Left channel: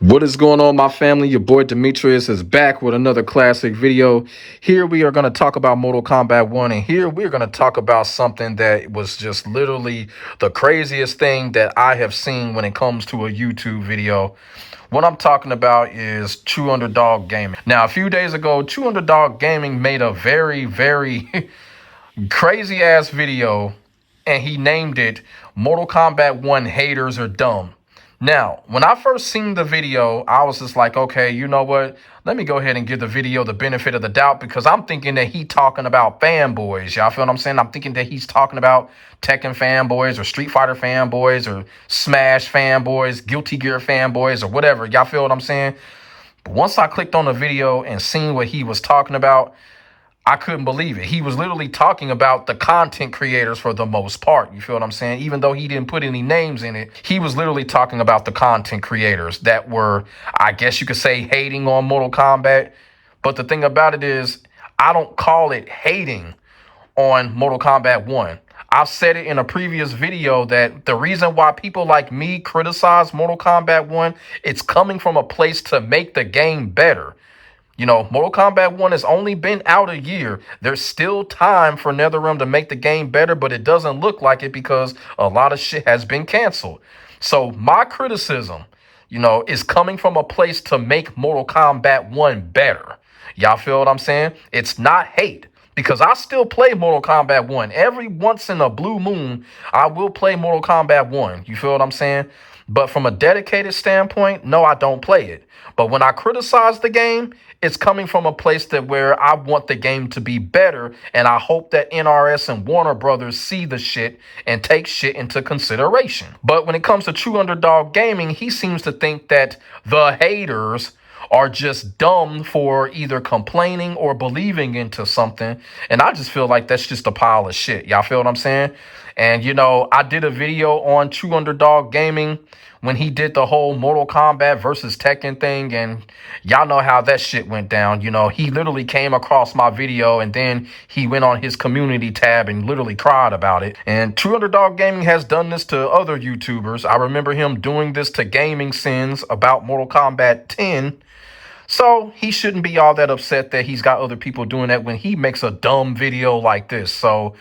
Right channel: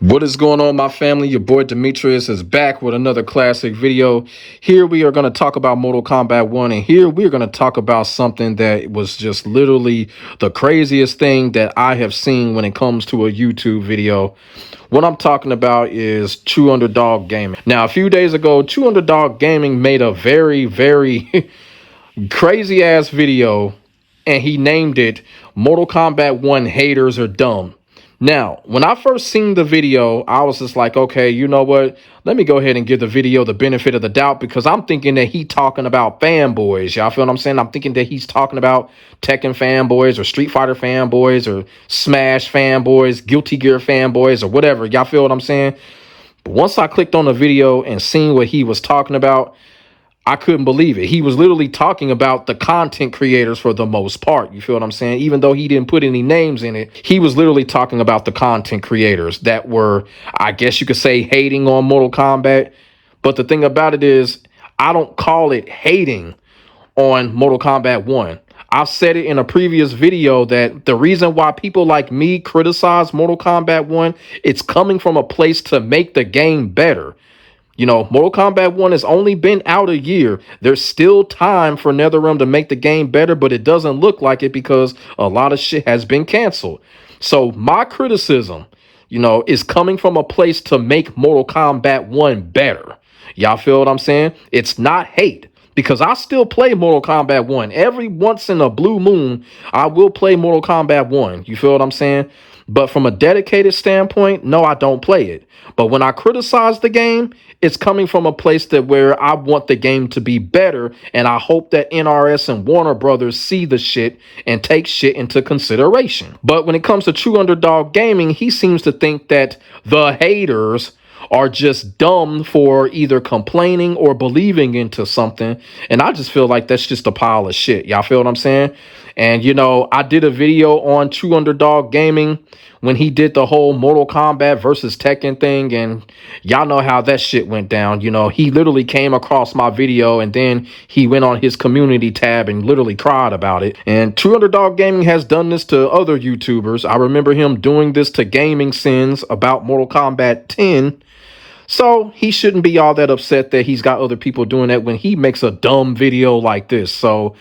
What is going on, my family? Your boy Demetrius is back with another classic video. Here we are going to talk about Mortal Kombat 1, and here we're going to talk about something that was just literally the craziest thing that I have seen when it comes to a YouTube video. What I'm talking about is Trueunderdawggaming. Now, a few days ago, Trueunderdawggaming made a very crazy ass video, and he named it Mortal Kombat 1 Haters Are Dumb. Now, when I first seen the video, I was just like, okay, you know what? Let me go ahead and give the video the benefit of the doubt, because I'm thinking that he talking about fanboys. Y'all feel what I'm saying? I'm thinking that he's talking about Tekken fanboys or Street Fighter fanboys or Smash fanboys, Guilty Gear fanboys or whatever. Y'all feel what I'm saying? But once I clicked on the video and seen what he was talking about, I couldn't believe it. He was literally talking about the content creators for the most part. You feel what I'm saying? Even though he didn't put any names in it, he was literally talking about the content creators that were, I guess you could say, hating on Mortal Kombat. But the thing about it is, I don't call it hating on Mortal Kombat 1. I said it in a previous video that the reason why people like me criticize Mortal Kombat 1, it's coming from a place to make the game better. You know, Mortal Kombat 1 has only been out a year. There's still time for NetherRealm to make the game better, but it doesn't look like it because a lot of shit has been canceled. So my criticism, you know, is coming from a place to make Mortal Kombat 1 better. Y'all feel what I'm saying? It's not hate, because I still play Mortal Kombat 1. Every once in a blue moon, I will play Mortal Kombat 1. You feel what I'm saying? But from a dedicated standpoint, no, I don't play it. But when I criticize the game, it's coming from a place that where I want the game to be better, and I hope that NRS and Warner Brothers see the shit and take shit into consideration. But when it comes to Trueunderdawggaming, he seems to think that the haters are just dumb for either complaining or believing into something. And I just feel like that's just a pile of shit. Y'all feel what I'm saying? And, you know, I did a video on Trueunderdawggaming when he did the whole Mortal Kombat versus Tekken thing, and y'all know how that shit went down. You know, he literally came across my video and then he went on his community tab and literally cried about it. And Trueunderdawggaming has done this to other YouTubers. I remember him doing this to Gaming Sins about Mortal Kombat 10. So he shouldn't be all that upset that he's got other people doing it when he makes a dumb video like this. So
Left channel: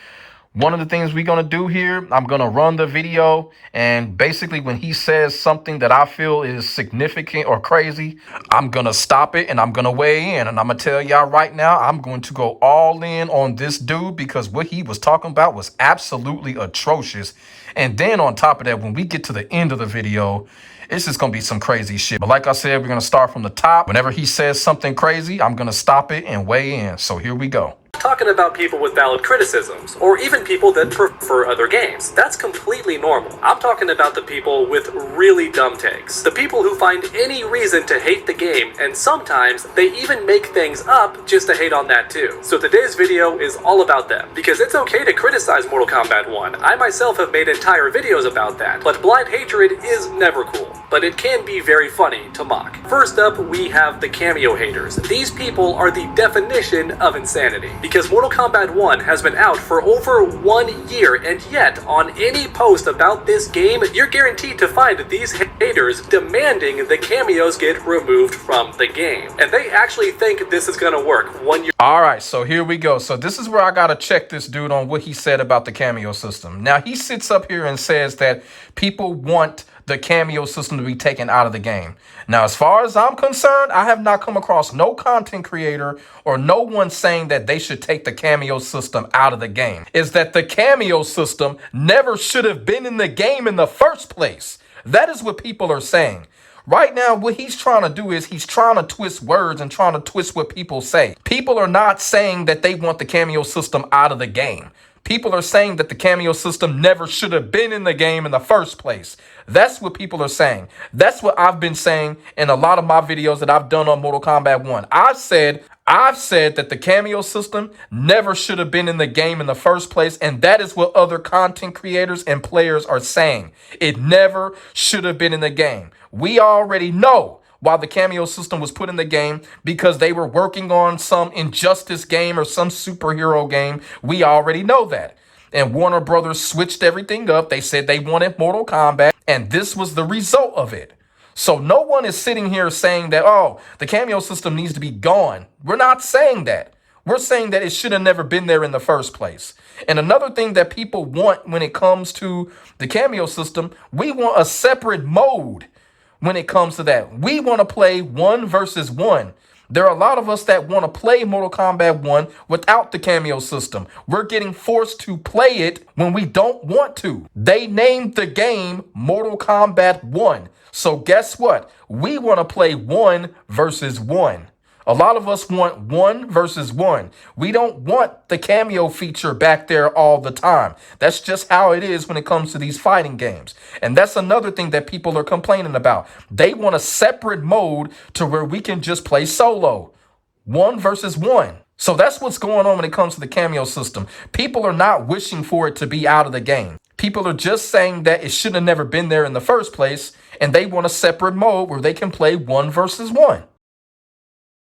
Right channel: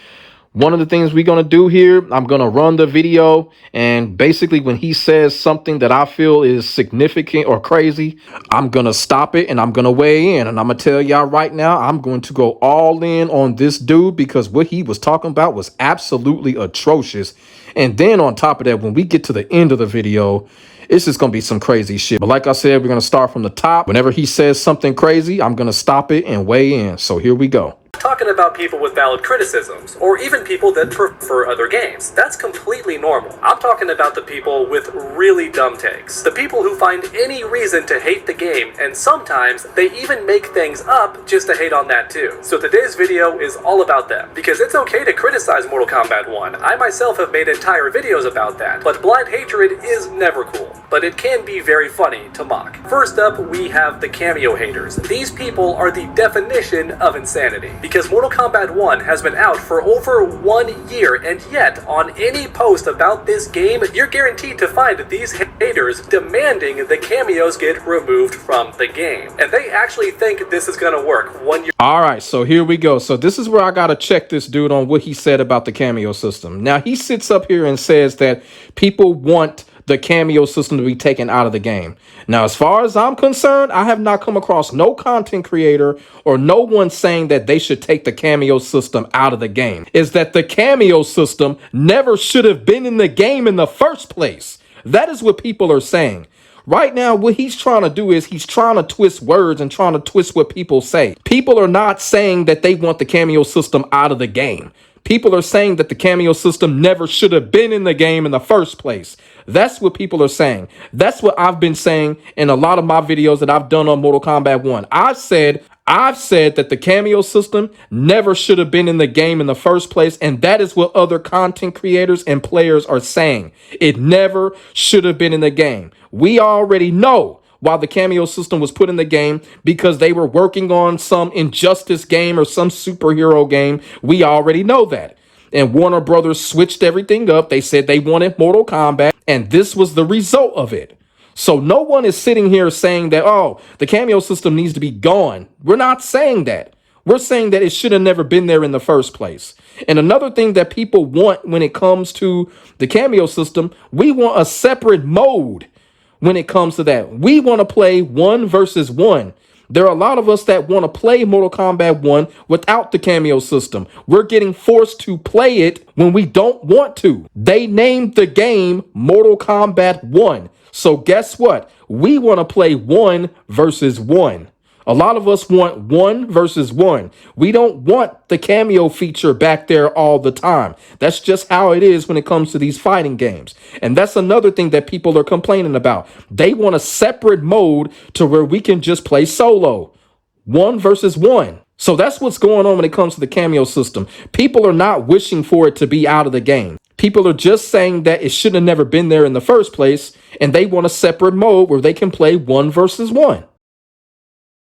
one of the things we're going to do here, I'm going to run the video, and basically when he says something that I feel is significant or crazy, I'm going to stop it and I'm going to weigh in. And I'm going to tell y'all right now, I'm going to go all in on this dude, because what he was talking about was absolutely atrocious. And then on top of that, when we get to the end of the video, it's just going to be some crazy shit. But like I said, we're going to start from the top. Whenever he says something crazy, I'm going to stop it and weigh in. So here we go. Talking about people with valid criticisms, or even people that prefer other games. That's completely normal. I'm talking about the people with really dumb takes. The people who find any reason to hate the game, and sometimes they even make things up just to hate on that too. So today's video is all about them, because it's okay to criticize Mortal Kombat 1. I myself have made entire videos about that, but blind hatred is never cool. But it can be very funny to mock. First up, we have the cameo haters. These people are the definition of insanity, because Mortal Kombat 1 has been out for over 1 year, and yet on any post about this game, you're guaranteed to find these haters demanding the cameos get removed from the game. And they actually think this is gonna work 1 year. All right, so here we go. So this is where I gotta check this dude on what he said about the cameo system. Now, he sits up here and says that people want the cameo system to be taken out of the game. Now, as far as I'm concerned, I have not come across no content creator or no one saying that they should take the cameo system out of the game. Is that the cameo system never should have been in the game in the first place. That is what people are saying. Right now, what he's trying to do is he's trying to twist words and trying to twist what people say. People are not saying that they want the cameo system out of the game. People are saying that the cameo system never should have been in the game in the first place. That's what people are saying. That's what I've been saying in a lot of my videos that I've done on Mortal Kombat 1. I've said that the cameo system never should have been in the game in the first place, and that is what other content creators and players are saying. It never should have been in the game. We already know why the cameo system was put in the game, because they were working on some Injustice game or some superhero game. We already know that. And Warner Brothers switched everything up. They said they wanted Mortal Kombat, and this was the result of it. So no one is sitting here saying that, oh, the cameo system needs to be gone. We're not saying that. We're saying that it should have never been there in the first place. And another thing that people want when it comes to the cameo system, we want a separate mode when it comes to that. We want to play 1 versus 1. There are a lot of us that want to play Mortal Kombat 1 without the cameo system. We're getting forced to play it when we don't want to. They named the game Mortal Kombat 1. So guess what? We want to play 1 versus 1. A lot of us want 1 versus 1. We don't want the cameo feature back there all the time. That's just how it is when it comes to these fighting games. And that's another thing that people are complaining about. They want a separate mode to where we can just play solo. 1 versus 1. So that's what's going on when it comes to the cameo system. People are not wishing for it to be out of the game. People are just saying that it should have never been there in the first place, and they want a separate mode where they can play 1 versus 1.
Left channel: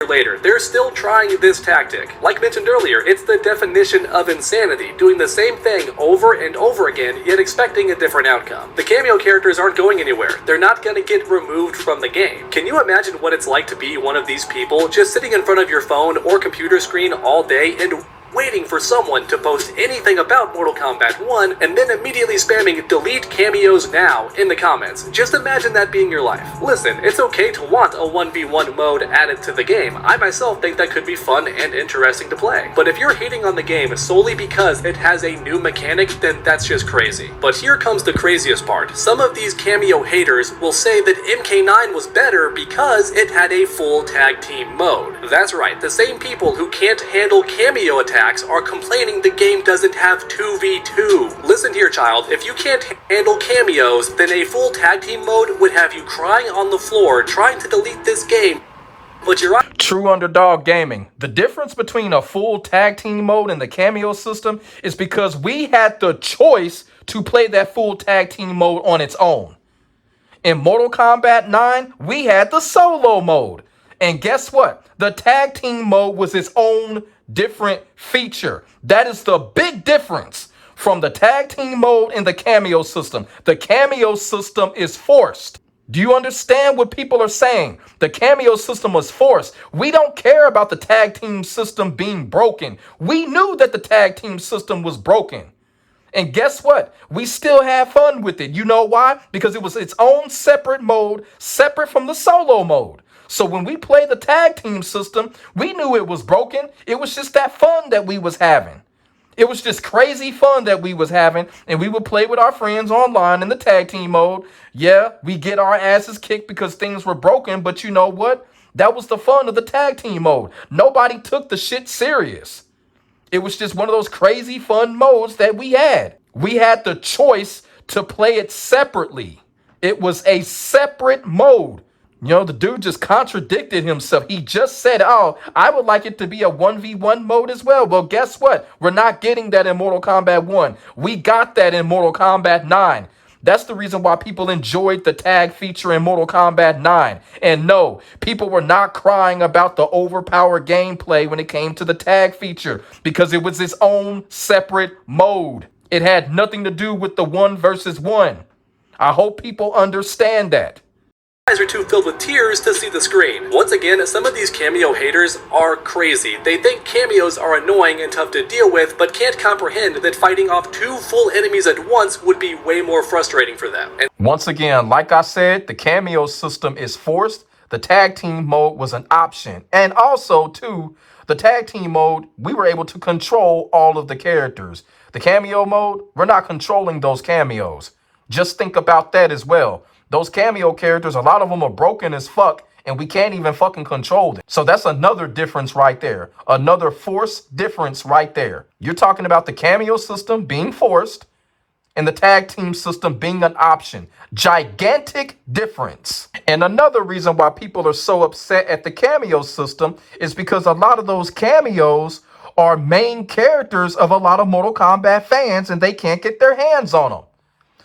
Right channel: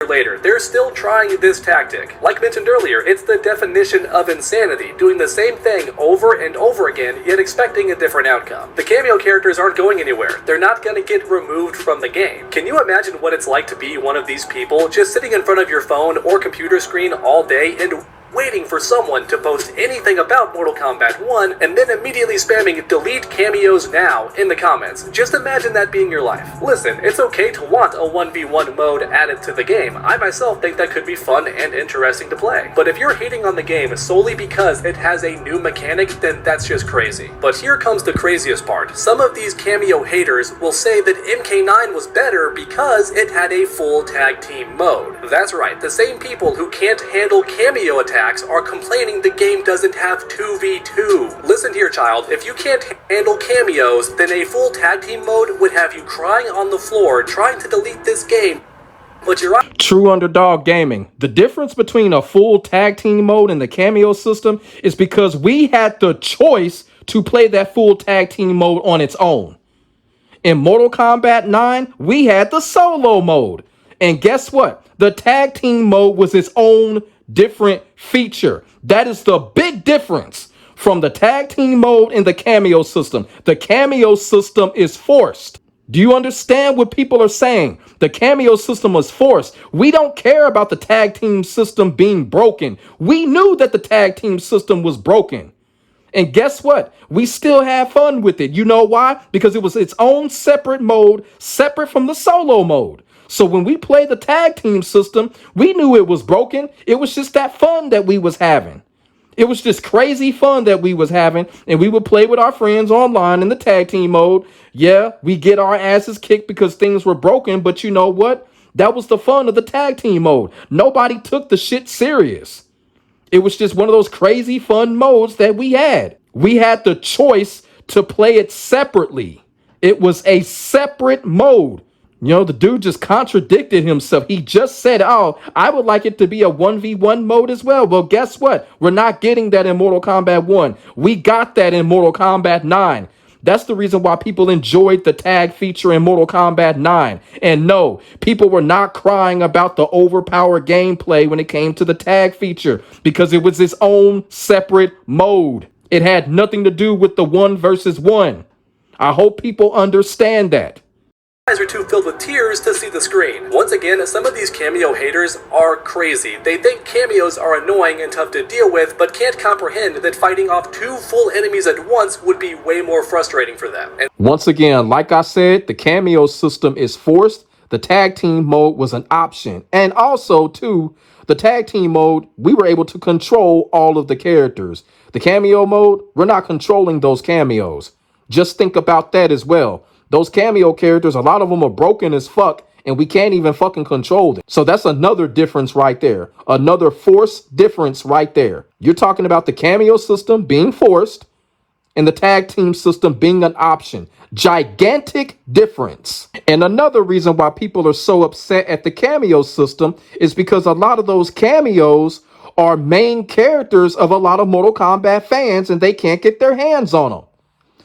Later, they're still trying this tactic. Like mentioned earlier, it's the definition of insanity, doing the same thing over and over again, yet expecting a different outcome. The cameo characters aren't going anywhere. They're not going to get removed from the game. Can you imagine what it's like to be one of these people, just sitting in front of your phone or computer screen all day and waiting for someone to post anything about Mortal Kombat 1 and then immediately spamming delete cameos now in the comments? Just imagine that being your life. Listen, it's okay to want a 1v1 mode added to the game. I myself think that could be fun and interesting to play. But if you're hating on the game solely because it has a new mechanic, then that's just crazy. But here comes the craziest part. Some of these cameo haters will say that MK9 was better because it had a full tag team mode. That's right, the same people who can't handle cameo attacks are complaining the game doesn't have 2v2. Listen here, child, if you can't handle cameos, then a full tag team mode would have you crying on the floor trying to delete this game. But you're right. Trueunderdawggaming. The difference between a full tag team mode and the cameo system is because we had the choice to play that full tag team mode on its own. In Mortal Kombat 9, we had the solo mode. And guess what? The tag team mode was its own different feature. That is the big difference from the tag team mode and the cameo system. The cameo system is forced. Do you understand what people are saying? The cameo system was forced. We don't care about the tag team system being broken. We knew that the tag team system was broken. And guess what? We still have fun with it. You know why? Because it was its own separate mode, separate from the solo mode. So when we play the tag team system, we knew it was broken. It was just that fun that we was having. It was just crazy fun that we was having. And we would play with our friends online in the tag team mode. Yeah, we get our asses kicked because things were broken. But you know what? That was the fun of the tag team mode. Nobody took the shit serious. It was just one of those crazy fun modes that we had. We had the choice to play it separately. It was a separate mode. You know, the dude just contradicted himself. He just said, oh, I would like it to be a 1v1 mode as well. Well, guess what? We're not getting that in Mortal Kombat 1. We got that in Mortal Kombat 9. That's the reason why people enjoyed the tag feature in Mortal Kombat 9. And no, people were not crying about the overpowered gameplay when it came to the tag feature because it was its own separate mode. It had nothing to do with the 1 versus 1. I hope people understand that. Eyes are too filled with tears to see the screen. Once again, some of these cameo haters are crazy. They think cameos are annoying and tough to deal with, but can't comprehend that fighting off 2 full enemies at once would be way more frustrating for them. And once again, like I said, the cameo system is forced. The tag team mode was an option. And also, too, the tag team mode, we were able to control all of the characters. The cameo mode, we're not controlling those cameos. Just think about that as well. Those cameo characters, a lot of them are broken as fuck, and we can't even fucking control them. So that's another difference right there. Another forced difference right there. You're talking about the cameo system being forced and the tag team system being an option. Gigantic difference. And another reason why people are so upset at the cameo system is because a lot of those cameos are main characters of a lot of Mortal Kombat fans, and they can't get their hands on them.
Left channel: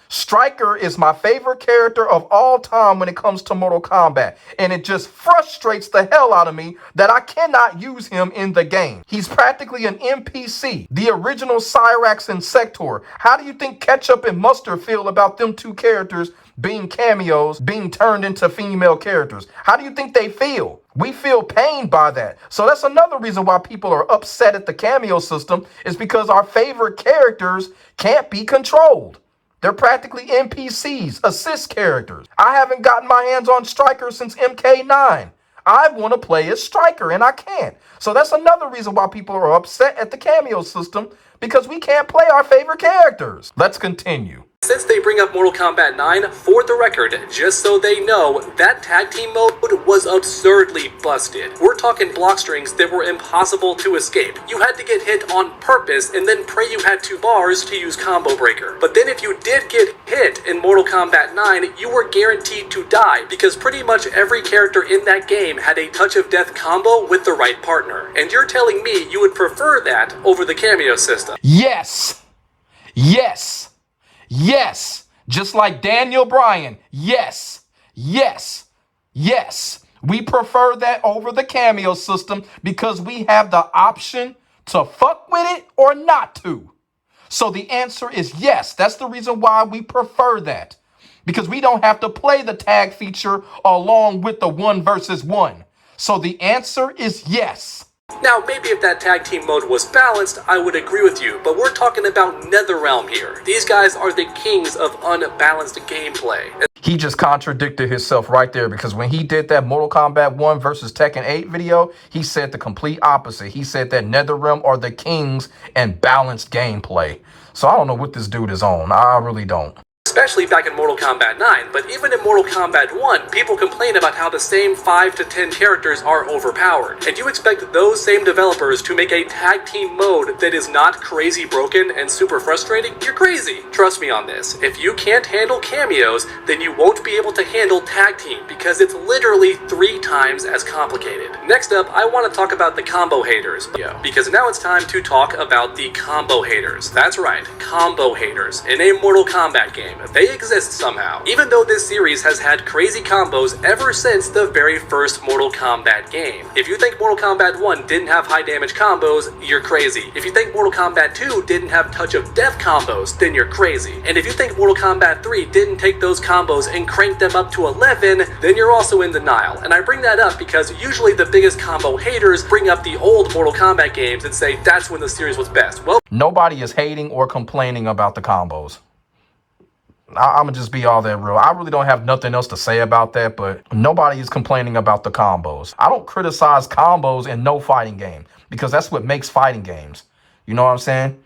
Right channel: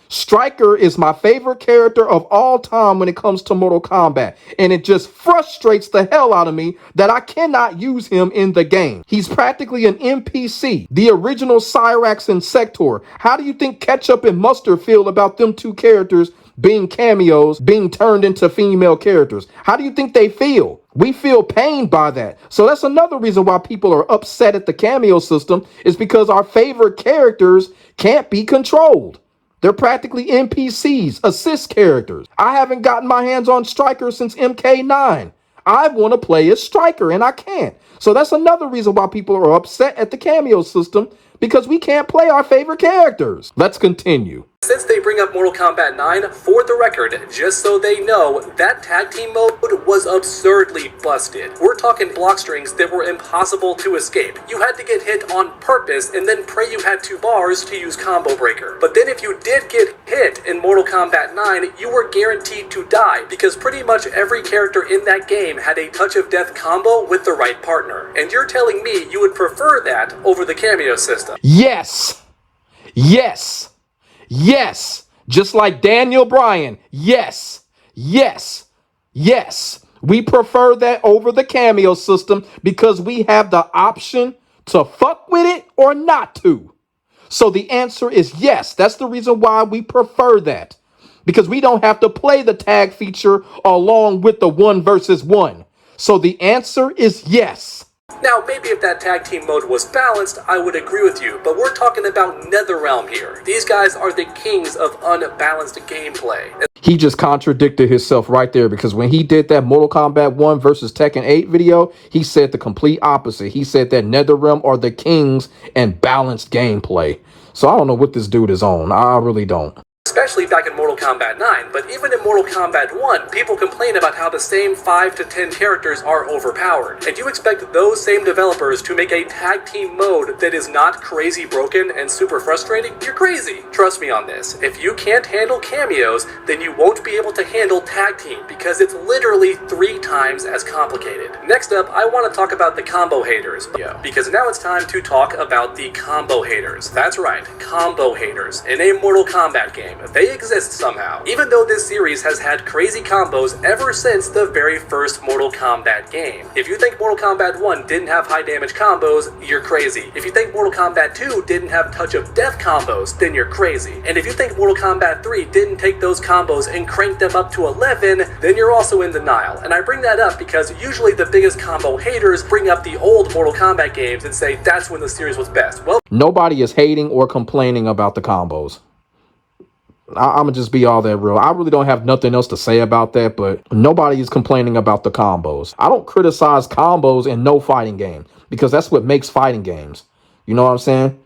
Stryker is my favorite character of all time when it comes to Mortal Kombat, and it just frustrates the hell out of me that I cannot use him in the game. He's practically an NPC, the original Cyrax and Sector. How do you think Ketchup and Mustard feel about them 2 characters being cameos, being turned into female characters. How do you think they feel? We feel pained by that. So that's another reason why people are upset at the cameo system, is because our favorite characters can't be controlled. They're practically NPCs, assist characters. I haven't gotten my hands on Striker since MK9. I want to play as Striker and I can't. So that's another reason why people are upset at the cameo system, because we can't play our favorite characters. Let's continue. Since they bring up Mortal Kombat 9, for the record, just so they know, that tag team mode was absurdly busted. We're talking block strings that were impossible to escape. You had to get hit on purpose and then pray you had 2 bars to use Combo Breaker. But then if you did get hit in Mortal Kombat 9, you were guaranteed to die, because pretty much every character in that game had a touch of death combo with the right partner. And you're telling me you would prefer that over the cameo system? Yes. Yes. Yes, just like Daniel Bryan. Yes, yes, yes. We prefer that over the cameo system because we have the option to fuck with it or not to. So the answer is yes. That's the reason why we prefer that, because we don't have to play the tag feature along with the 1 versus 1. So the answer is yes. Now, maybe if that tag team mode was balanced, I would agree with you, but we're talking about NetherRealm here. These guys are the kings of unbalanced gameplay. He just contradicted himself right there, because when he did that Mortal Kombat 1 versus Tekken 8 video, he said the complete opposite. He said that NetherRealm are the kings and balanced gameplay. So I don't know what this dude is on. I really don't. Especially back in Mortal Kombat 9, but even in Mortal Kombat 1, people complain about how the same 5 to 10 characters are overpowered. And you expect those same developers to make a tag team mode that is not crazy broken and super frustrating? You're crazy. Trust me on this. If you can't handle cameos, then you won't be able to handle tag team, because it's literally 3 times as complicated. Next up, I want to talk about the combo haters, because now it's time to talk about the combo haters. That's right, combo haters in a Mortal Kombat game. They exist somehow, even though this series has had crazy combos ever since the very first Mortal Kombat game. If you think Mortal Kombat 1 didn't have high damage combos, you're crazy. If you think Mortal Kombat 2 didn't have touch of death combos, then you're crazy. And if you think Mortal Kombat 3 didn't take those combos and crank them up to 11, then you're also in denial. And I bring that up because usually the biggest combo haters bring up the old Mortal Kombat games and say that's when the series was best. Well, nobody is hating or complaining about the combos. I'm gonna just be all that real. I really don't have nothing else to say about that, but nobody is complaining about the combos. I don't criticize combos in no fighting game, because that's what makes fighting games. You know what I'm saying?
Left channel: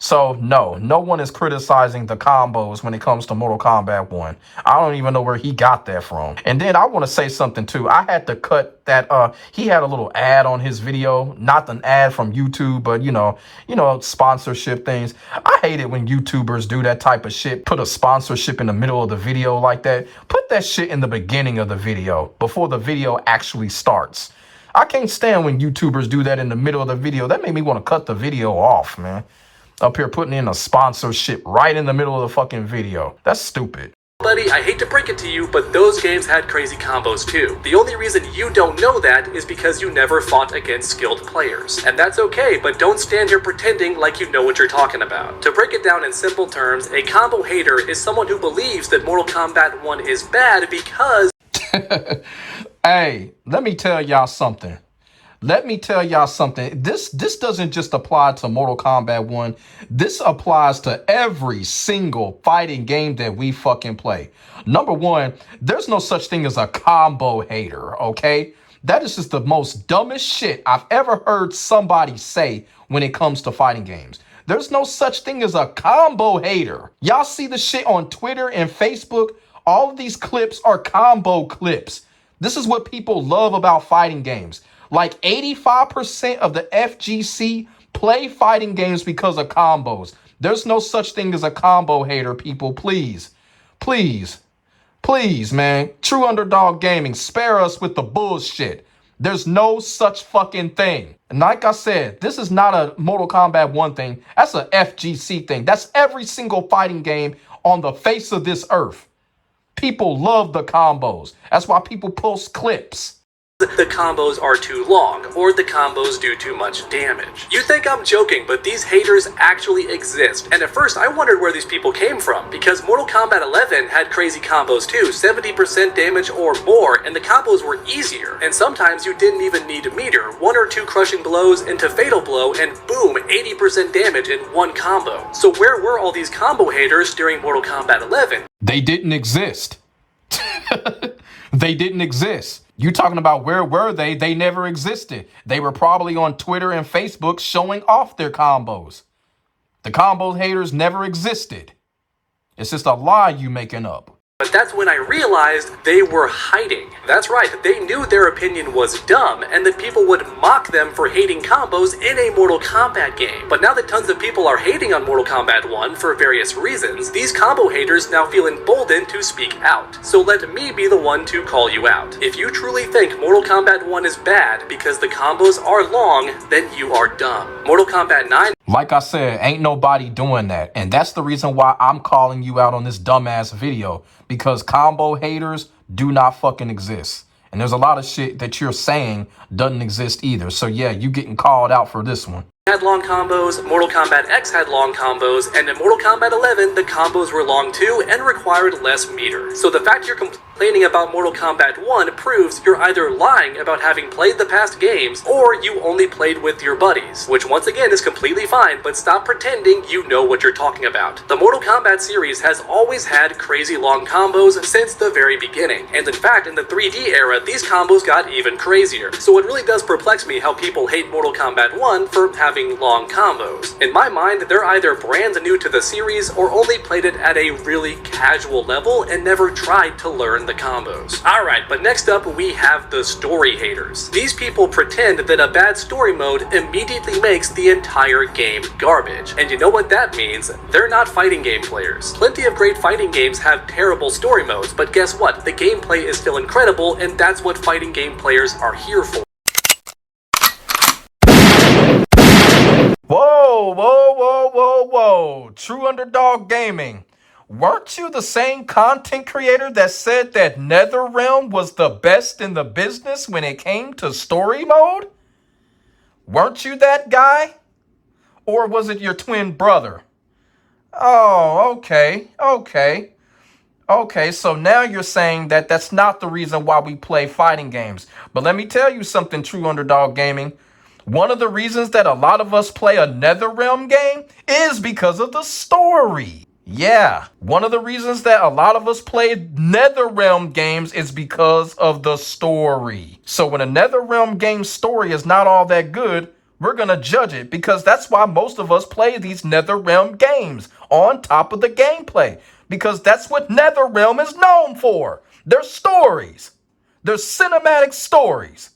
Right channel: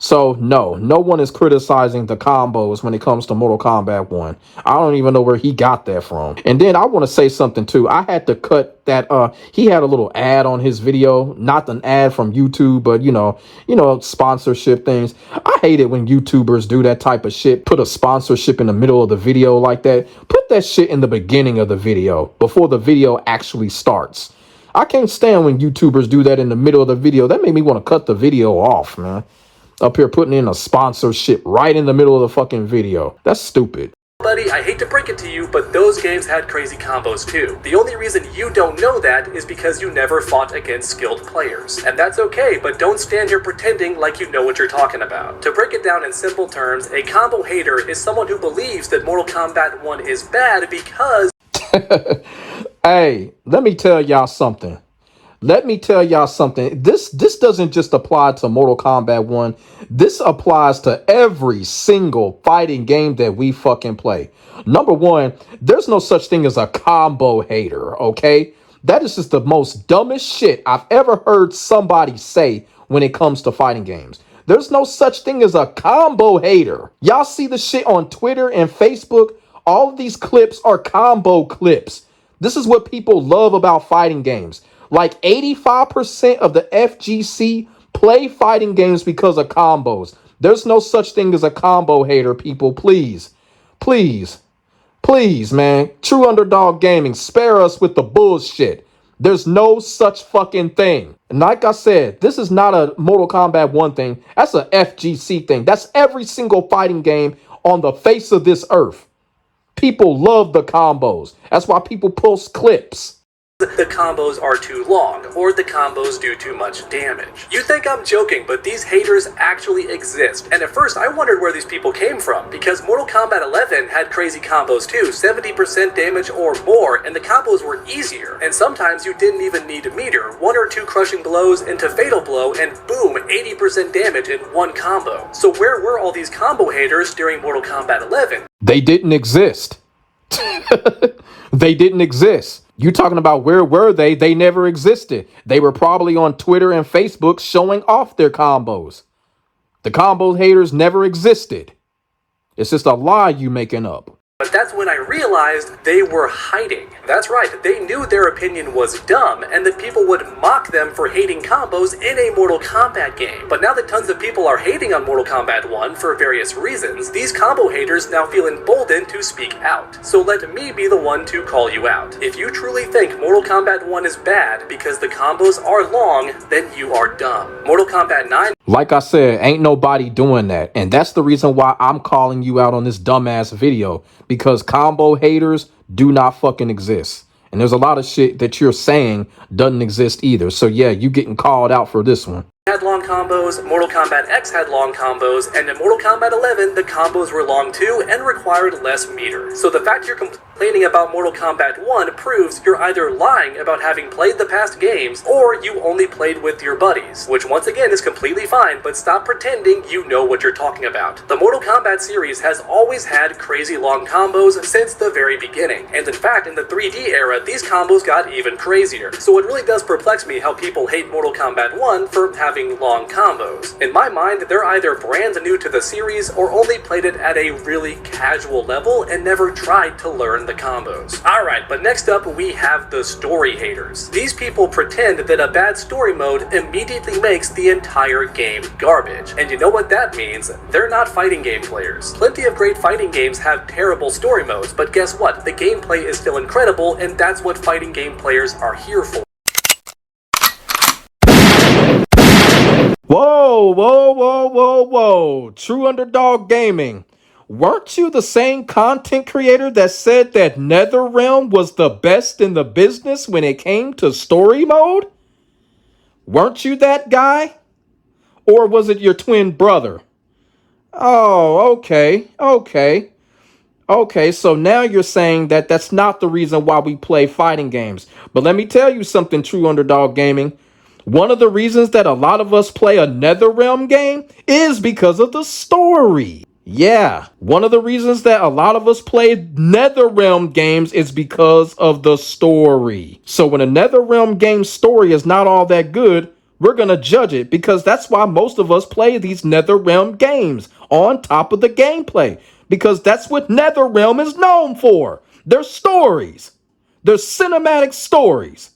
So no one is criticizing the combos when it comes to Mortal Kombat 1. I don't even know where he got that from. And then I want to say something too. I had to cut that, he had a little ad on his video, not an ad from YouTube, but you know, sponsorship things. I hate it when YouTubers do that type of shit. Put a sponsorship in the middle of the video like that. Put that shit in the beginning of the video, before the video actually starts. I can't stand when YouTubers do that in the middle of the video. That made me want to cut the video off, man. Up here putting in a sponsorship right in the middle of the fucking video. That's stupid. Buddy, I hate to break it to you, but those games had crazy combos too. The only reason you don't know that is because you never fought against skilled players. And that's okay, but don't stand here pretending like you know what you're talking about. To break it down in simple terms, a combo hater is someone who believes that Mortal Kombat 1 is bad because... Hey, let me tell y'all something. This doesn't just apply to Mortal Kombat 1. This applies to every single fighting game that we fucking play. Number one, there's no such thing as a combo hater, okay? That is just the most dumbest shit I've ever heard somebody say when it comes to fighting games. There's no such thing as a combo hater. Y'all see the shit on Twitter and Facebook? All of these clips are combo clips. This is what people love about fighting games. Like 85% of the FGC play fighting games because of combos. There's no such thing as a combo hater, people. Please, please, please, man. Trueunderdawggaming, spare us with the bullshit. There's no such fucking thing. And like I said, this is not a Mortal Kombat 1 thing. That's a FGC thing. That's every single fighting game on the face of this earth. People love the combos. That's why people post clips. the combos are too long, or the combos do too much damage. You think I'm joking, but these haters actually exist, and at first I wondered where these people came from, because Mortal Kombat 11 had crazy combos too, 70% damage or more, and the combos were easier, and sometimes you didn't even need a meter, 1 or 2 crushing blows into fatal blow, and boom, 80% damage in one combo. So where were all these combo haters during Mortal Kombat 11? They didn't exist. They didn't exist. You talking about where were they? They never existed. They were probably on Twitter and Facebook showing off their combos. The combo haters never existed. It's just a lie you making up. But that's when I realized they were hiding. That's right, they knew their opinion was dumb and that people would mock them for hating combos in a Mortal Kombat game. But now that tons of people are hating on Mortal Kombat 1 for various reasons, these combo haters now feel emboldened to speak out. So let me be the one to call you out. If you truly think Mortal Kombat 1 is bad because the combos are long, then you are dumb. Mortal Kombat 9... Like I said, ain't nobody doing that. And that's the reason why I'm calling you out on this dumbass video. Because combo haters do not fucking exist. And there's a lot of shit that you're saying doesn't exist either. So yeah, you getting called out for this one. Had long combos, Mortal Kombat X had long combos, and in Mortal Kombat 11, the combos were long too and required less meter. So the fact you're complaining about Mortal Kombat 1 proves you're either lying about having played the past games, or you only played with your buddies, which once again is completely fine, but stop pretending you know what you're talking about. The Mortal Kombat series has always had crazy long combos since the very beginning, and in fact, in the 3D era, these combos got even crazier. So it really does perplex me how people hate Mortal Kombat 1 for having long combos. In my mind, they're either brand new to the series or only played it at a really casual level and never tried to learn the combos. Alright, but next up we have the story haters. These people pretend that a bad story mode immediately makes the entire game garbage. And you know what that means? They're not fighting game players. Plenty of great fighting games have terrible story modes, but guess what? The gameplay is still incredible, and that's what fighting game players are here for. Whoa. Trueunderdawggaming. Weren't you the same content creator that said that NetherRealm was the best in the business when it came to story mode? Weren't you that guy? Or was it your twin brother? Oh, okay, so now you're saying that that's not the reason why we play fighting games. But let me tell you something, Trueunderdawggaming. One of the reasons that a lot of us play a NetherRealm game is because of the story. Yeah, one of the reasons that a lot of us play NetherRealm games is because of the story. So when a NetherRealm game story is not all that good, we're going to judge it, because that's why most of us play these NetherRealm games on top of the gameplay. Because that's what NetherRealm is known for. Their stories. Their cinematic stories.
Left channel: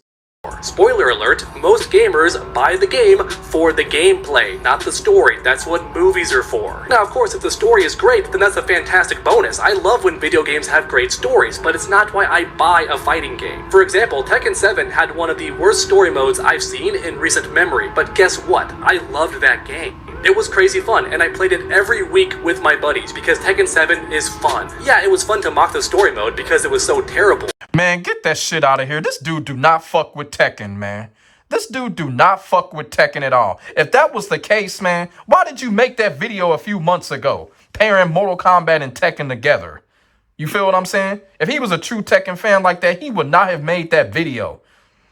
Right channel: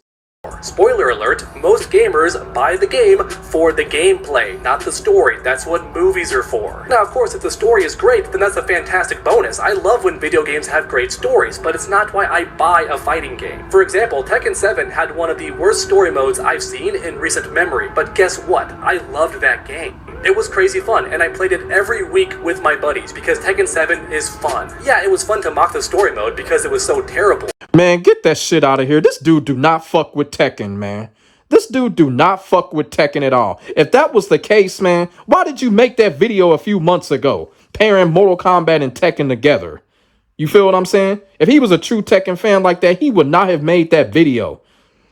Spoiler alert, most gamers buy the game for the gameplay, not the story. That's what movies are for. Now, of course, if the story is great, then that's a fantastic bonus. I love when video games have great stories, but it's not why I buy a fighting game. For example, Tekken 7 had one of the worst story modes I've seen in recent memory, but guess what? I loved that game. It was crazy fun, and I played it every week with my buddies because Tekken 7 is fun. Yeah, it was fun to mock the story mode because it was so terrible. Man, get that shit out of here. This dude do not fuck with Tekken, man. This dude do not fuck with Tekken at all. If that was the case, man, why did you make that video a few months ago, pairing Mortal Kombat and Tekken together? You feel what I'm saying? If he was a true Tekken fan like that, he would not have made that video.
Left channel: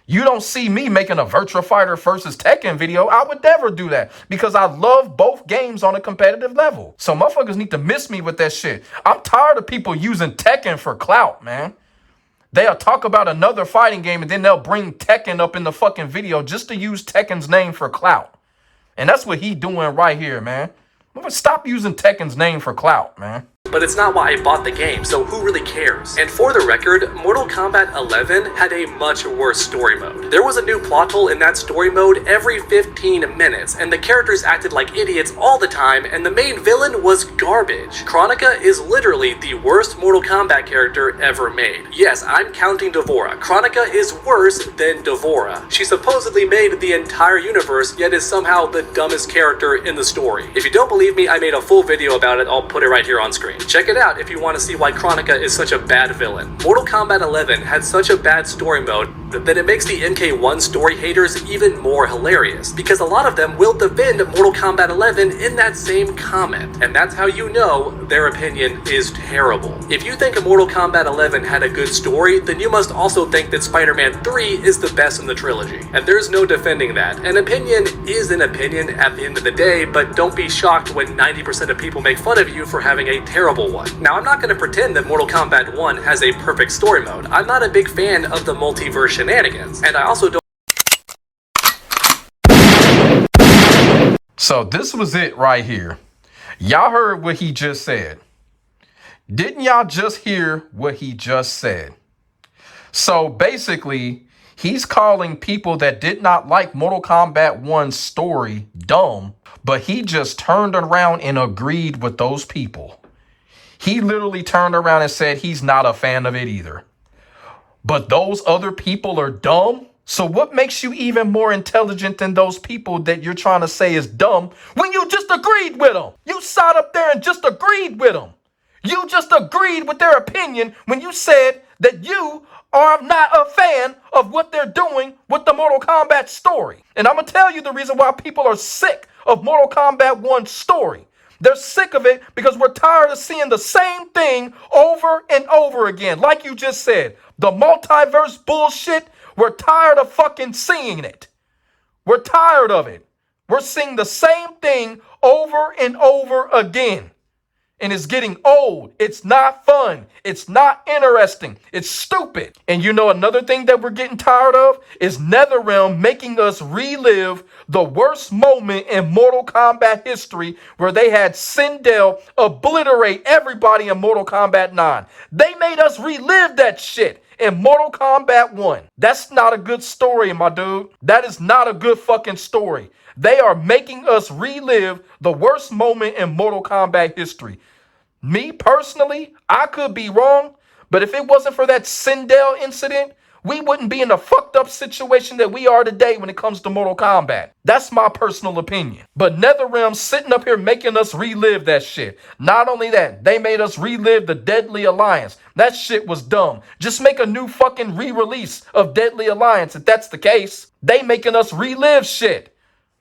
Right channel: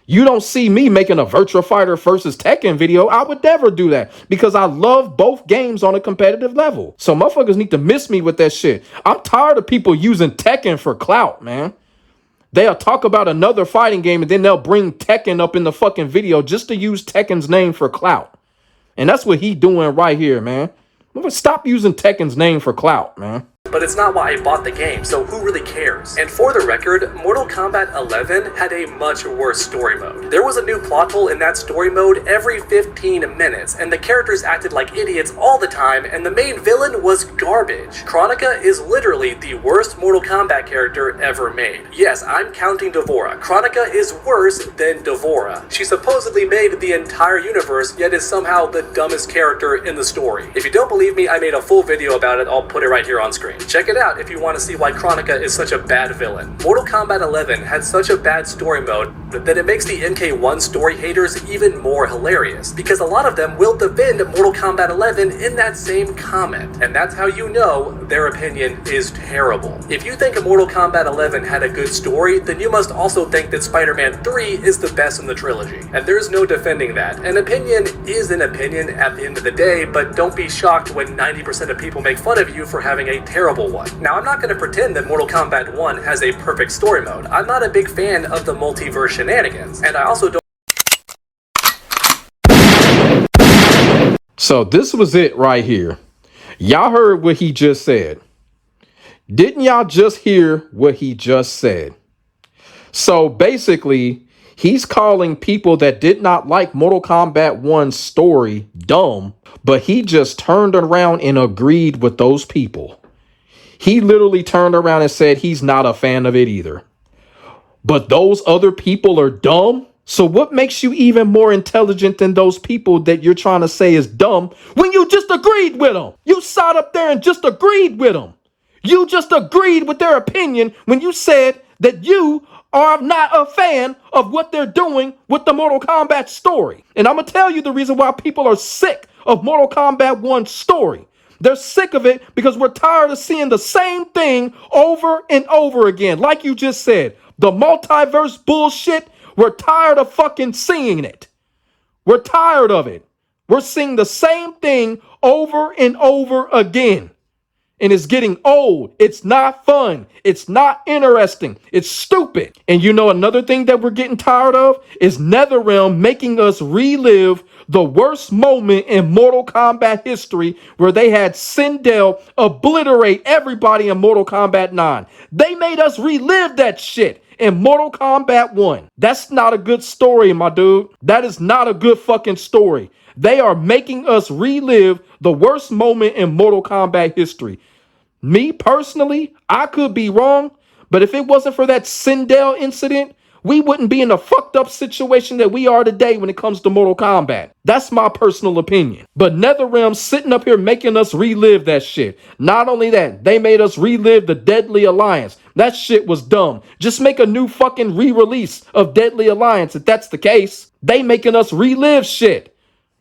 You don't see me making a Virtua Fighter versus Tekken video. I would never do that because I love both games on a competitive level. So motherfuckers need to miss me with that shit. I'm tired of people using Tekken for clout, man. They'll talk about another fighting game and then they'll bring Tekken up in the fucking video just to use Tekken's name for clout. And that's what he doing right here, man. Stop using Tekken's name for clout, man. But it's not why I bought the game, so who really cares? And for the record, Mortal Kombat 11 had a much worse story mode. There was a new plot hole in that story mode every 15 minutes, and the characters acted like idiots all the time, and the main villain was garbage. Kronika is literally the worst Mortal Kombat character ever made. Yes, I'm counting D'Vorah. Kronika is worse than D'Vorah. She supposedly made the entire universe, yet is somehow the dumbest character in the story. If you don't believe me, I made a full video about it. I'll put it right here on screen. Check it out if you want to see why Kronika is such a bad villain. Mortal Kombat 11 had such a bad story mode then it makes the MK1 story haters even more hilarious, because a lot of them will defend Mortal Kombat 11 in that same comment, and that's how you know their opinion is terrible. If you think Mortal Kombat 11 had a good story, then you must also think that Spider-Man 3 is the best in the trilogy, and there's no defending that. An opinion is an opinion at the end of the day, but don't be shocked when 90% of people make fun of you for having a terrible one. Now, I'm not going to pretend that Mortal Kombat 1 has a perfect story mode. I'm not a big fan of the multiverse shenanigans, and I also don't. So this was it right here. Y'all heard what he just said. Didn't y'all just hear what he just said? So basically, he's calling people that did not like Mortal Kombat 1's story dumb, but he just turned around and agreed with those people. He literally turned around and said he's not a fan of it either. But those other people are dumb? So what makes you even more intelligent than those people that you're trying to say is dumb when you just agreed with them? You sat up there and just agreed with them. You just agreed with their opinion when you said that you are not a fan of what they're doing with the Mortal Kombat story. And I'm going to tell you the reason why people are sick of Mortal Kombat 1's story. They're sick of it because we're tired of seeing the same thing over and over again. Like you just said, the multiverse bullshit, we're tired of fucking seeing it. We're tired of it. We're seeing the same thing over and over again. And it's getting old. It's not fun. It's not interesting. It's stupid. And you know another thing that we're getting tired of is NetherRealm making us relive the worst moment in Mortal Kombat history where they had Sindel obliterate everybody in Mortal Kombat 9. They made us relive that shit in Mortal Kombat 1. That's not a good story, my dude. That is not a good fucking story. They are making us relive the worst moment in Mortal Kombat history. Me personally, I could be wrong, but if it wasn't for that Sindel incident, we wouldn't be in the fucked up situation that we are today when it comes to Mortal Kombat. That's my personal opinion. But NetherRealm sitting up here making us relive that shit. Not only that, they made us relive the Deadly Alliance. That shit was dumb. Just make a new fucking re-release of Deadly Alliance if that's the case. They making us relive shit.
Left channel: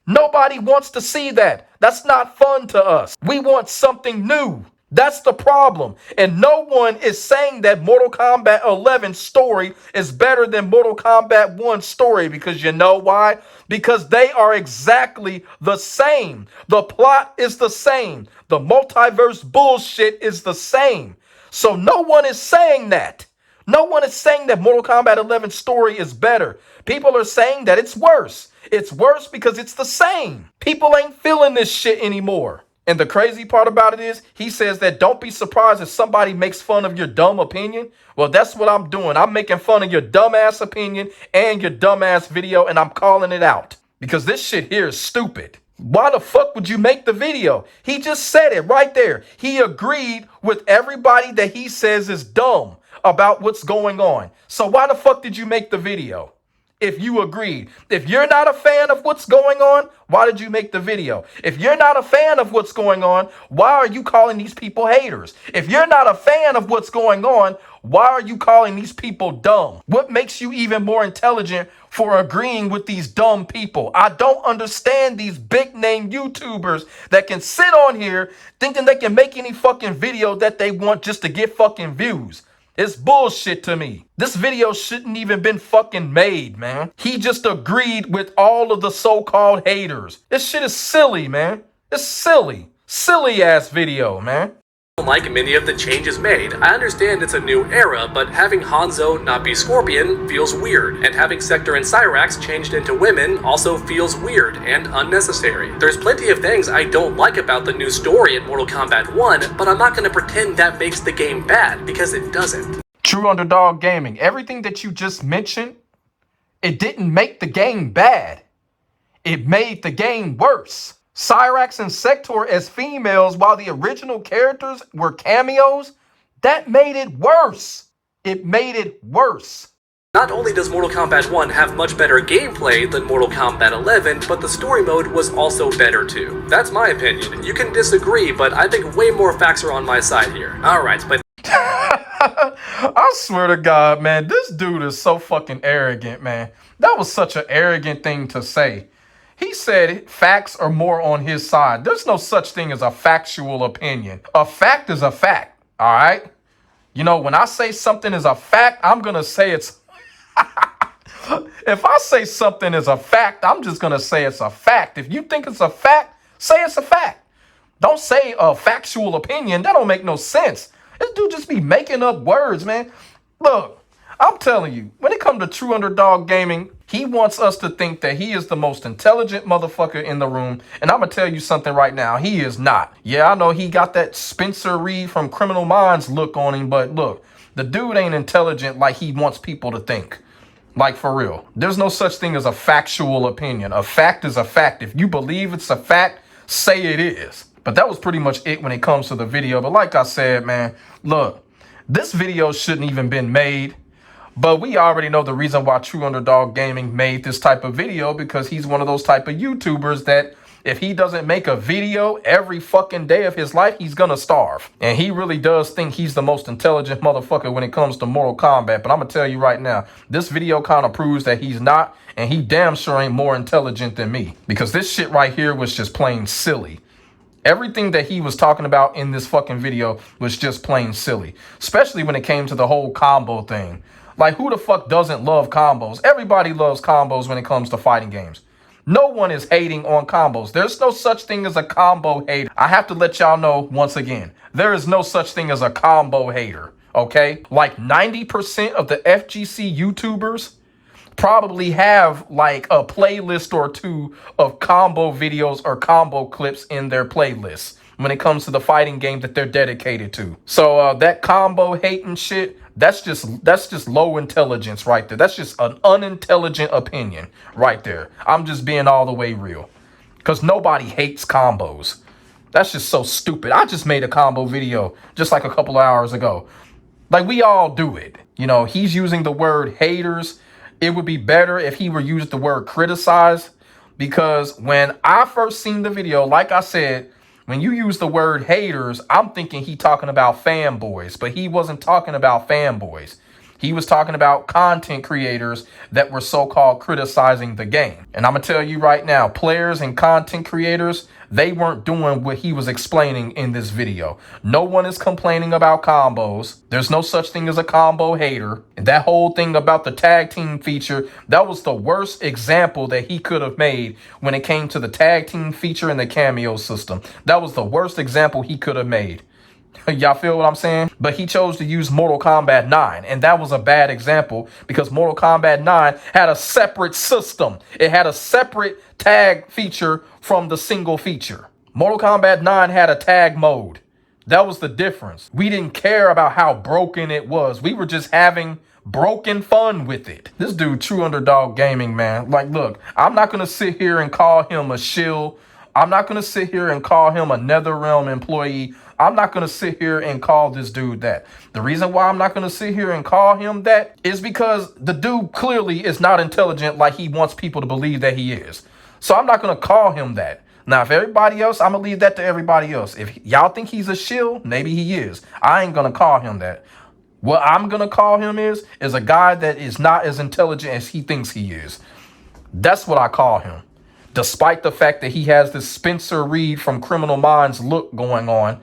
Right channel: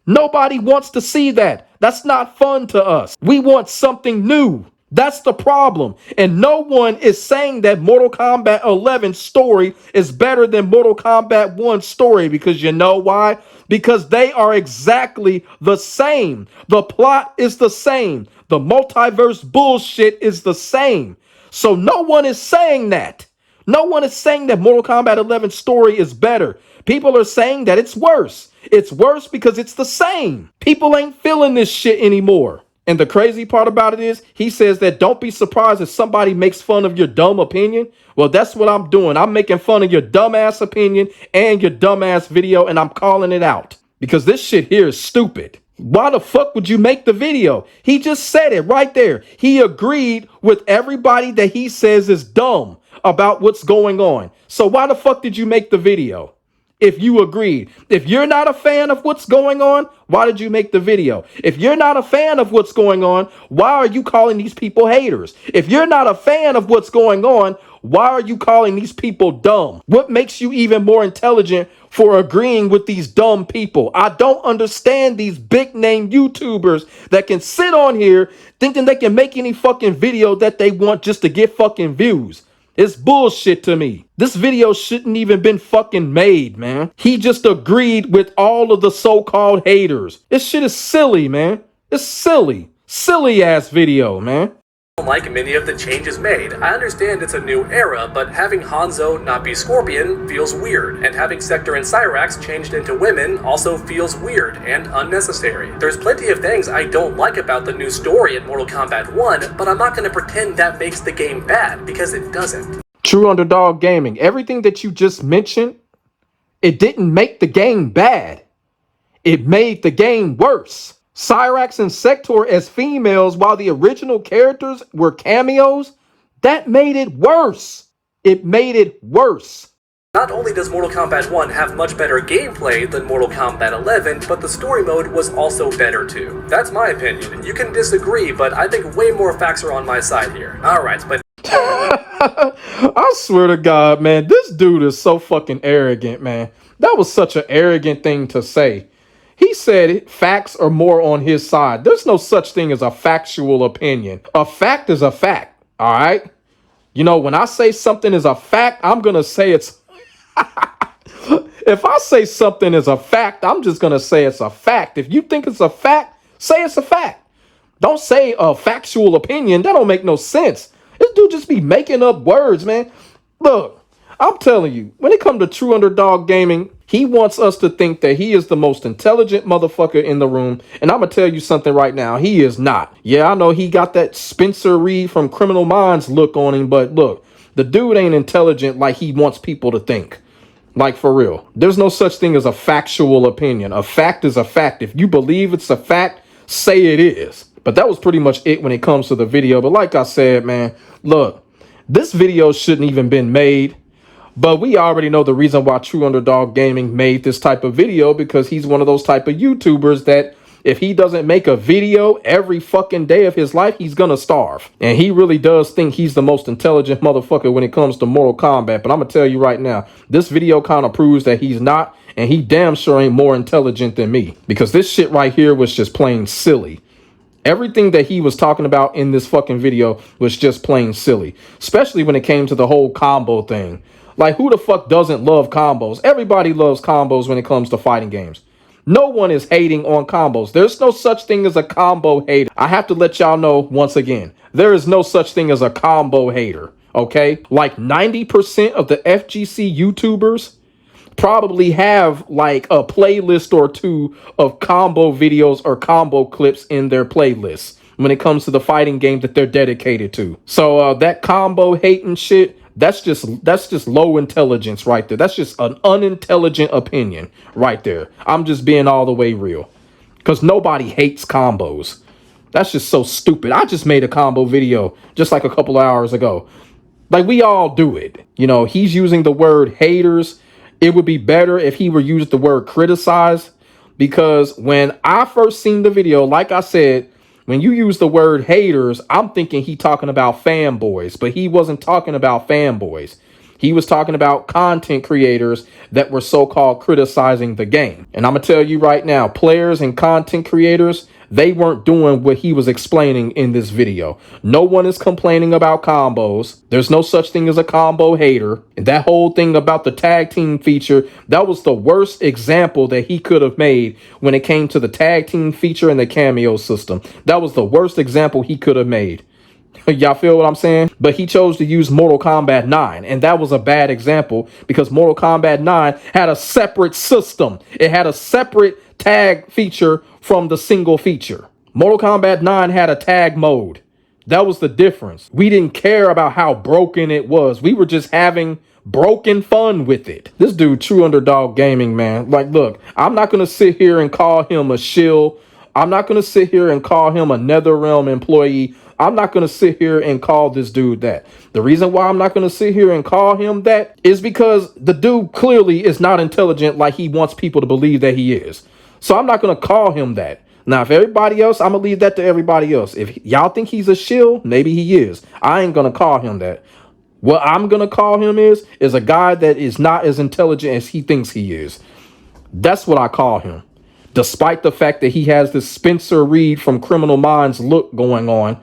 Nobody wants to see that. That's not fun to us. We want something new. That's the problem. And no one is saying that Mortal Kombat 11's story is better than Mortal Kombat 1's story, because you know why? Because they are exactly the same. The plot is the same. The multiverse bullshit is the same. So no one is saying that. No one is saying that Mortal Kombat 11's story is better. People are saying that it's worse. It's worse because it's the same. People ain't feeling this shit anymore. And the crazy part about it is, he says that don't be surprised if somebody makes fun of your dumb opinion. Well, that's what I'm doing. I'm making fun of your dumbass opinion and your dumbass video, and I'm calling it out. Because this shit here is stupid. Why the fuck would you make the video? He just said it right there. He agreed with everybody that he says is dumb about what's going on. So why the fuck did you make the video? If you agreed. If you're not a fan of what's going on, why did you make the video? If you're not a fan of what's going on, why are you calling these people haters? If you're not a fan of what's going on, why are you calling these people dumb? What makes you even more intelligent for agreeing with these dumb people? I don't understand these big name YouTubers that can sit on here thinking they can make any fucking video that they want just to get fucking views. It's bullshit to me. This video shouldn't even been fucking made, man. He just agreed with all of the so-called haters. This shit is silly, man. It's silly. Silly ass video, man. Like many of the changes made. I understand it's a new era, but having Hanzo not be Scorpion feels weird, and having Sector and Cyrax changed into women also feels weird and unnecessary. There's plenty of things I don't like about the new story in Mortal Kombat 1, but I'm not going to pretend that makes the game bad, because it doesn't. Trueunderdawggaming, everything that you just mentioned, it didn't make the game bad. It made the game worse. Cyrax and Sector as females while the original characters were cameos, that made it worse. It made it worse. Not only does Mortal Kombat 1 have much better gameplay than Mortal Kombat 11, but the story mode was also better too. That's my opinion. You can disagree, but I think way more facts are on my side here. Alright, but... I swear to God, man, this dude is so fucking arrogant, man. That was such an arrogant thing to say. He said facts are more on his side. There's no such thing as a factual opinion. A fact is a fact, all right? You know, when I say something is a fact, I'm going to say it's... If I say something is a fact, I'm just going to say it's a fact. If you think it's a fact, say it's a fact. Don't say a factual opinion. That don't make no sense. This dude just be making up words, man. Look, I'm telling you, when it comes to True Underdog Gaming, he wants us to think that he is the most intelligent motherfucker in the room. And I'm going to tell you something right now. He is not. Yeah, I know he got that Spencer Reed from Criminal Minds look on him. But look, the dude ain't intelligent like he wants people to think. Like, for real. There's no such thing as a factual opinion. A fact is a fact. If you believe it's a fact, say it is. But that was pretty much it when it comes to the video. But like I said, man, look, this video shouldn't even been made. But we already know the reason why True Underdog Gaming made this type of video, because he's one of those type of YouTubers that if he doesn't make a video every fucking day of his life, he's gonna starve. And he really does think he's the most intelligent motherfucker when it comes to Mortal Kombat. But I'm gonna tell you right now, this video kind of proves that he's not, and he damn sure ain't more intelligent than me. Because this shit right here was just plain silly. Everything that he was talking about in this fucking video was just plain silly. Especially when it came to the whole combo thing. Like, who the fuck doesn't love combos? Everybody loves combos when it comes to fighting games. No one is hating on combos. There's no such thing as a combo hater. I have to let y'all know once again, there is no such thing as a combo hater, okay? Like 90% of the FGC YouTubers probably have like a playlist or two of combo videos or combo clips in their playlists when it comes to the fighting game that they're dedicated to. So that combo hating shit, that's just low intelligence right there. That's just an unintelligent opinion right there. I'm just being all the way real. Because nobody hates combos. That's just so stupid. I just made a combo video just like a couple of hours ago. Like, we all do it. You know, he's using the word haters. It would be better if he were used the word criticize. Because when I first seen the video, like I said, when you use the word haters, I'm thinking he talking about fanboys, but he wasn't talking about fanboys. He was talking about content creators that were so-called criticizing the game. And I'm going to tell you right now, players and content creators, they weren't doing what he was explaining in this video. No one is complaining about combos. There's no such thing as a combo hater. And that whole thing about the tag team feature, that was the worst example that he could have made when it came to the tag team feature and the cameo system. That was the worst example he could have made. Y'all feel what I'm saying? But he chose to use Mortal Kombat 9, and that was a bad example because Mortal Kombat 9 had a separate system. It had a separate tag feature from the single feature. Mortal Kombat 9 had a tag mode. That was the difference. We didn't care about how broken it was. We were just having broken fun with it. This dude, True Underdog Gaming, man. Like, look, I'm not going to sit here and call him a shill. I'm not going to sit here and call him a NetherRealm employee. I'm not going to sit here and call this dude that. The reason why I'm not going to sit here and call him that is because the dude clearly is not intelligent like he wants people to believe that he is. So I'm not going to call him that. Now, if everybody else, I'm going to leave that to everybody else. If y'all think he's a shill, maybe he is. I ain't going to call him that. What I'm going to call him is a guy that is not as intelligent as he thinks he is. That's what I call him. Despite the fact that he has this Spencer Reed from Criminal Minds look going on,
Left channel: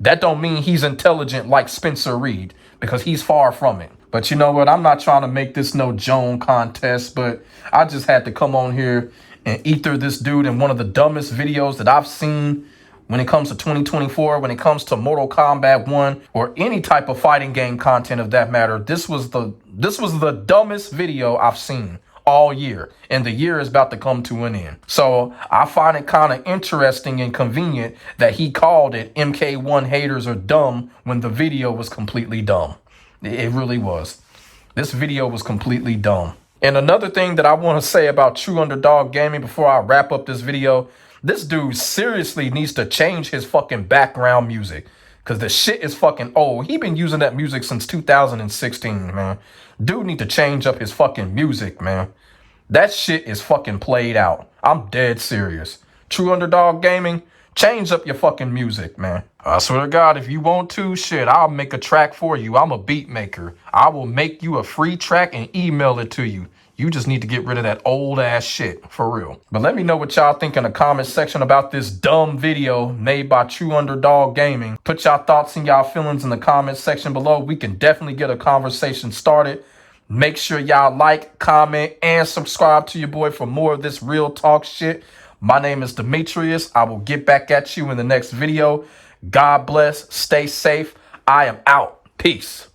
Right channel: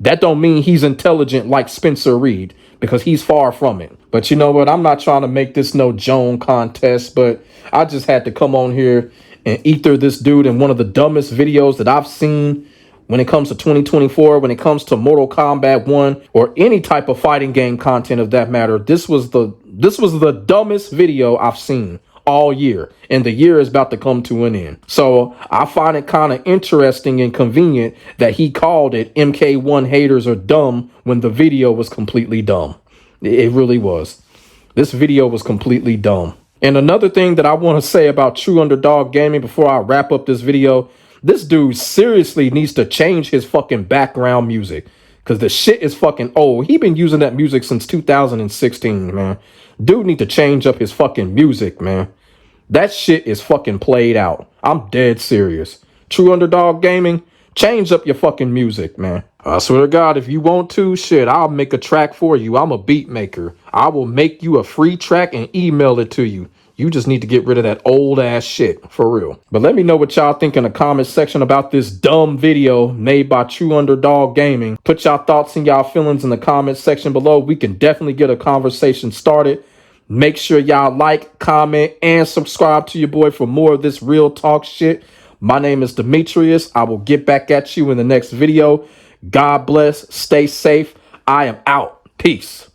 that don't mean he's intelligent like Spencer Reed, because he's far from it. But you know what? I'm not trying to make this no Joan contest, but I just had to come on here and ether this dude in one of the dumbest videos that I've seen when it comes to 2024, when it comes to Mortal Kombat 1 or any type of fighting game content of that matter. This was the dumbest video I've seen all year, and the year is about to come to an end. So I find it kind of interesting and convenient that he called it MK1 haters are dumb when the video was completely dumb. It really was. This video was completely dumb. And another thing that I want to say about True Underdog Gaming before I wrap up this video, this dude seriously needs to change his fucking background music, because the shit is fucking old. He been using that music since 2016, man. Dude need to change up his fucking music, man. That shit is fucking played out. I'm dead serious. True Underdog Gaming, change up your fucking music, man. I swear to God, if you want to, shit, I'll make a track for you. I'm a beat maker. I will make you a free track and email it to you. You just need to get rid of that old ass shit, for real. But let me know what y'all think in the comment section about this dumb video made by Trueunderdawggaming. Put y'all thoughts and y'all feelings in the comment section below. We can definitely get a conversation started. Make sure y'all like, comment, and subscribe to your boy for more of this real talk shit. My name is Demetrius. I will get back at you in the next video. God bless. Stay safe. I am out. Peace.